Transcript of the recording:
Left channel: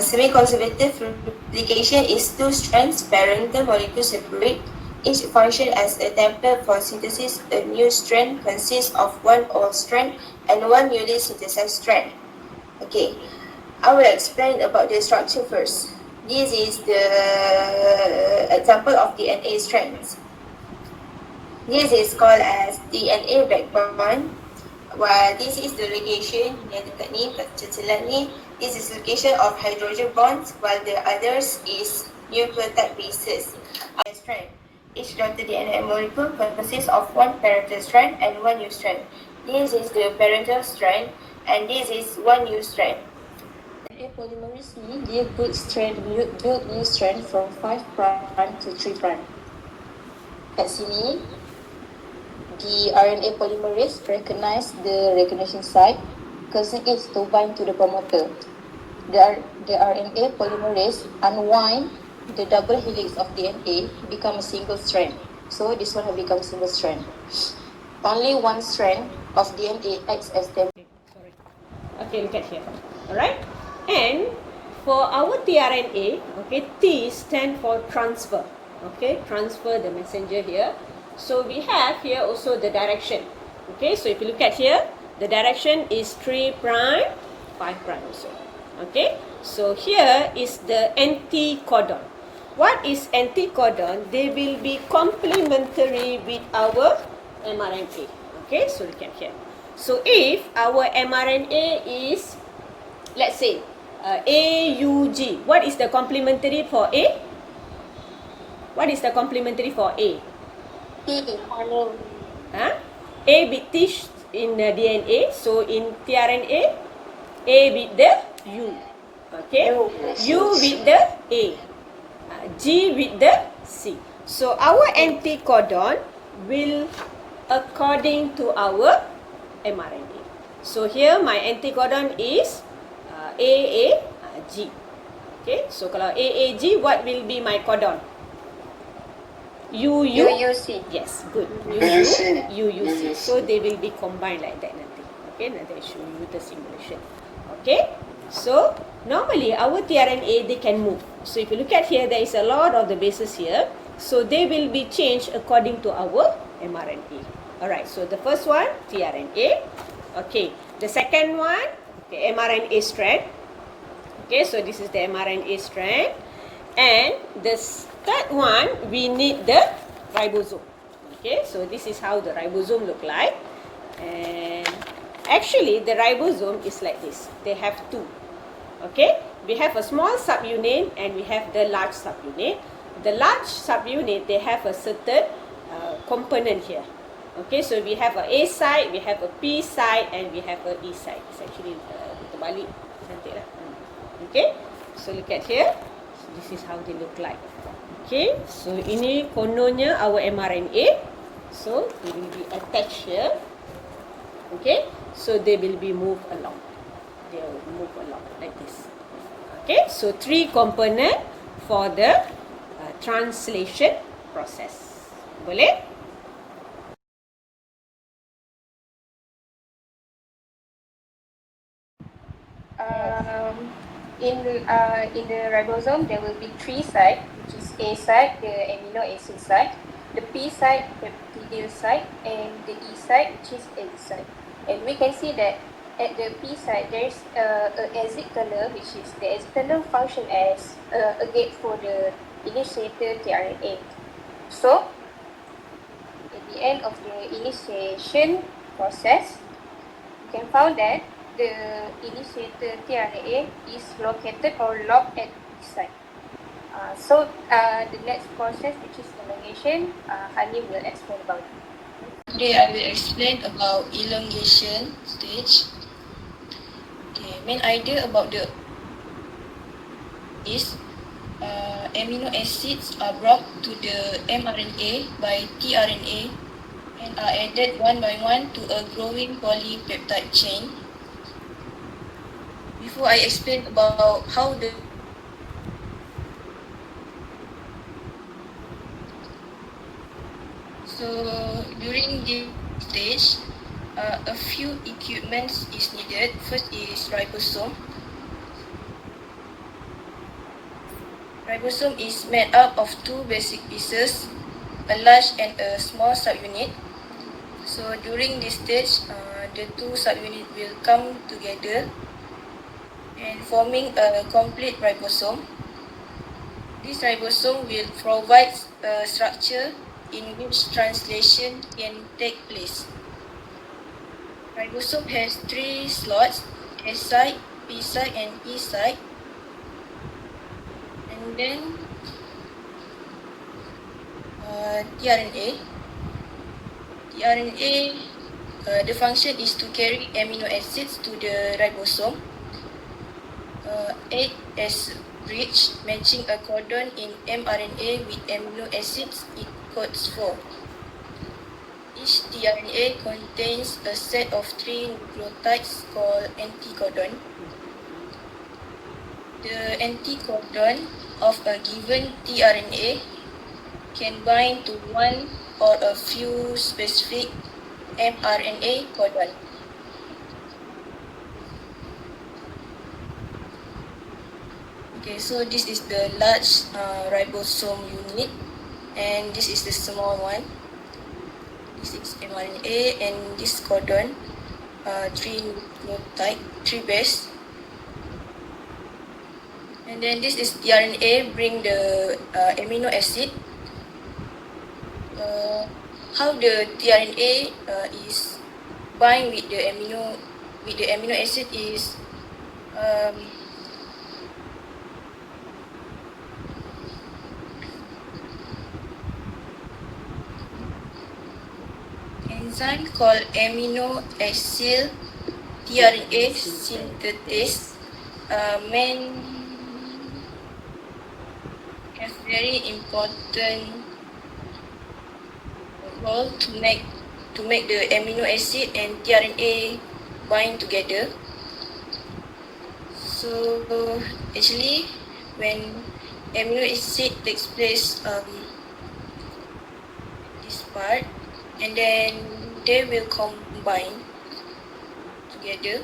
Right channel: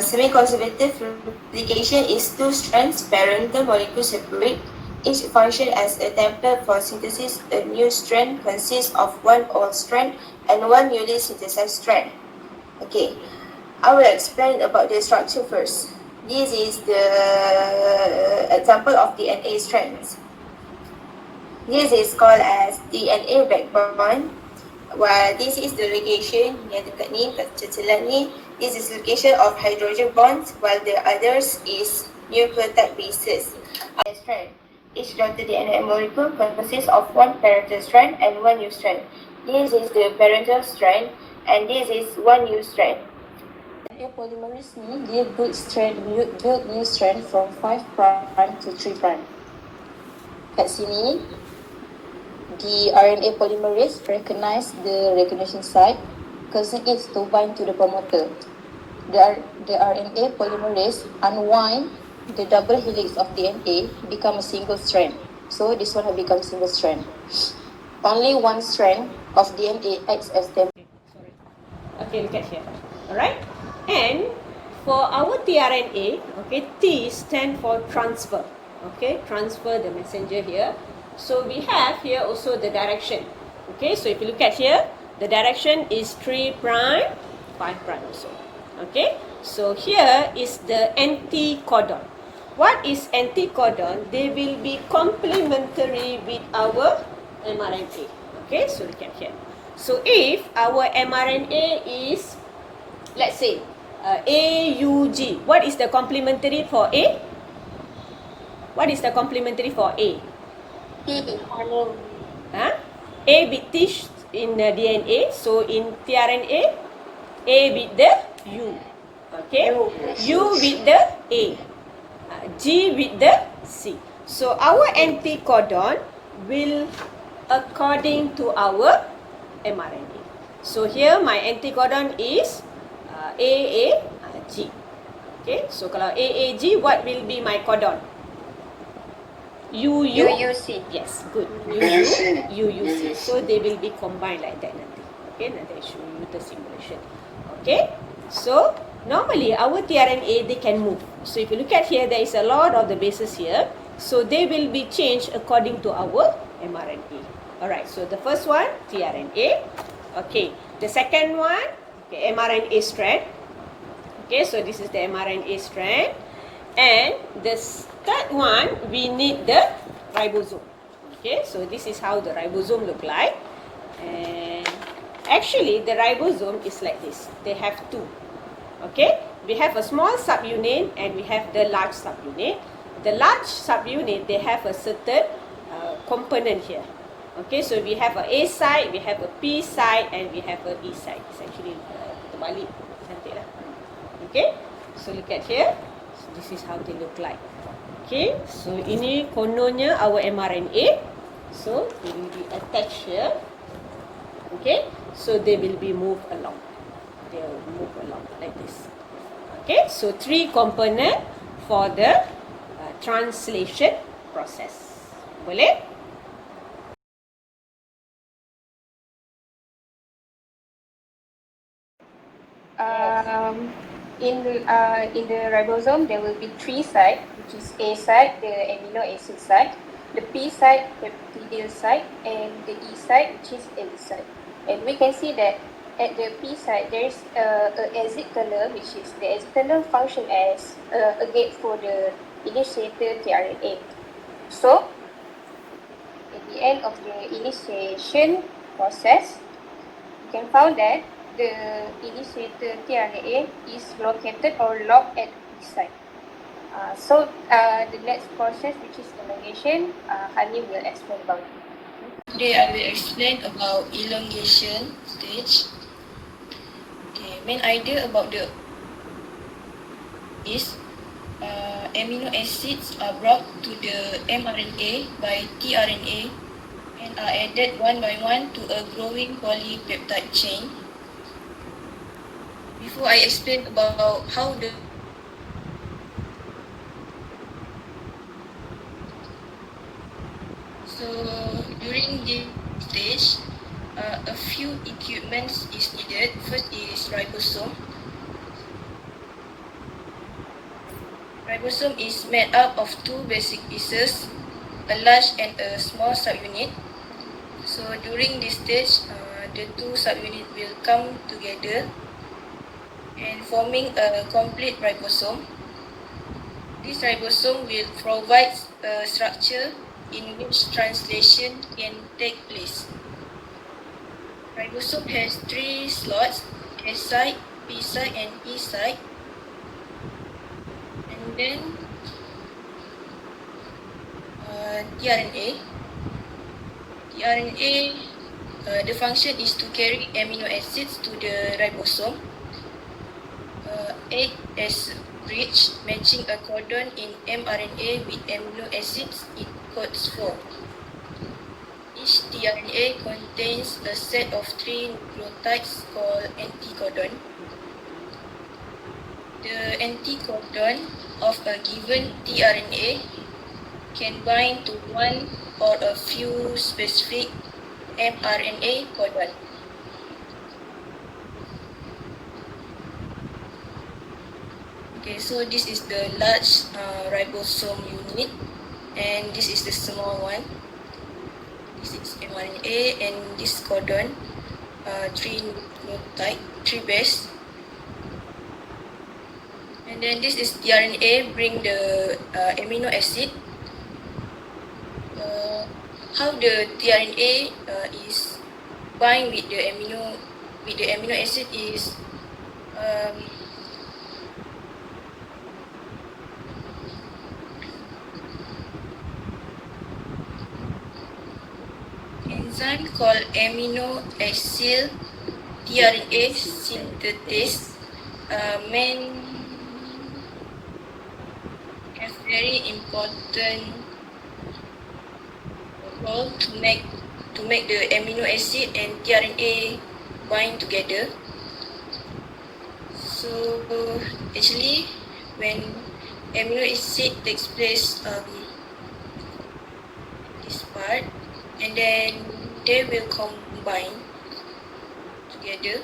Semi-conservative replication is two strands parental molecules separate, each function as a template for synthesis. A new strand consists of one old strand and one newly synthesized strand. Okay, I will explain about the structure first. This is the example of DNA strands. This is called as DNA backbone. While this is the ligation yang dekat ni, kat cecelan ni, this is ligation of hydrogen bonds, while the others is nucleotide bases. Strand. Each daughter DNA molecule consists of one parental strand and one new strand. This is the parental strand and this is one new strand. RNA polymerase ni dia build new strand from 5' to 3'. Kat sini, the RNA polymerase recognize the recognition site, causing it to bind to the promoter. The RNA polymerase unwind the double helix of DNA, become a single strand. So this one will become single strand. Only one strand of DNA acts as template. Okay, look at here. Alright? And for our tRNA, okay, T stand for transfer. Okay, transfer the messenger here. So we have here also the direction. Okay, so if you look at here, the direction is 3', 5' also. Okay, so here is the anticodon. What is anticodon? They will be complementary with our mRNA. Okay, so look at here. So if our mRNA is, let's say, AUG, what is the complementary for A? What is the complementary for A? A with T in DNA, so in tRNA, A with the U, okay, U with the A, G with the C. So our anticodon will according to our mRNA. So here my anticodon is AAG. Okay, so kalau AAG, what will be my codon? UUC. Yes, good. UUC. So they will be combined like that nanti. Okay, nanti I show you the simulation. Okay, so normally our tRNA, they can move. So if you look at here, there is a lot of the bases here. So they will be changed according to our mRNA. Alright, so the first one, tRNA. Okay, the second one, okay, mRNA strand. Okay, so this is the mRNA strand. And the third one, we need the ribosome. Okay, so this is how the ribosome look like. And actually, the ribosome is like this. They have two. Okay, we have a small subunit and we have the large subunit. The large subunit, they have a certain component here. Okay, so we have a A site, we have a P site, and we have a E site. It's actually terbalik nanti lah. Okay, so look at here. So this is how they look like. Okay, so ini kononnya our mRNA. So they will be attached here. Okay, so they will be moved along. They will move along like this. Okay, so 3 component for the translation process. Boleh? In the ribosome, there will be 3 sites, which is A site, the amino acid site, the P site, the peptidyl site, and the E site, which is L site. And we can see that at the P site, there is an exit tunnel, which is the exit tunnel function as a gate for the initiator tRNA. So, at the end of the initiation process, you can find that the initiator tRNA is located or locked at this site. So the next process, which is elongation, Hani will explain about it. Today I will explain about elongation stage. Okay, main idea about the is amino acids are brought to the mRNA by tRNA and are added one by one to a growing polypeptide chain. Before I explain about how the during this stage, a few equipments is needed. First is ribosome. Ribosome is made up of two basic pieces, a large and a small subunit. So during this stage, the two subunits will come together and forming a complete ribosome. This ribosome will provide a structure in which translation can take place. Ribosome has three slots, S site, P site and E site. And then tRNA. tRNA, the function is to carry amino acids to the ribosome. 8 as bridge, matching a codon in mRNA with amino acids, it codes 4. Each tRNA contains a set of 3 nucleotides called anticodon. The anticodon of a given tRNA can bind to one or a few specific mRNA codon. Okay, so this is the large ribosome unit, and this is the small one. This is mRNA, and this codon, 3 nucleotide, 3 base. And then this is tRNA, bring the amino acid. How the tRNA is bind with the amino acid is enzyme called amino acid tRNA synthetase have very important role to make the amino acid and tRNA bind together. So actually, when amino acid takes place this part, and then they will combine together.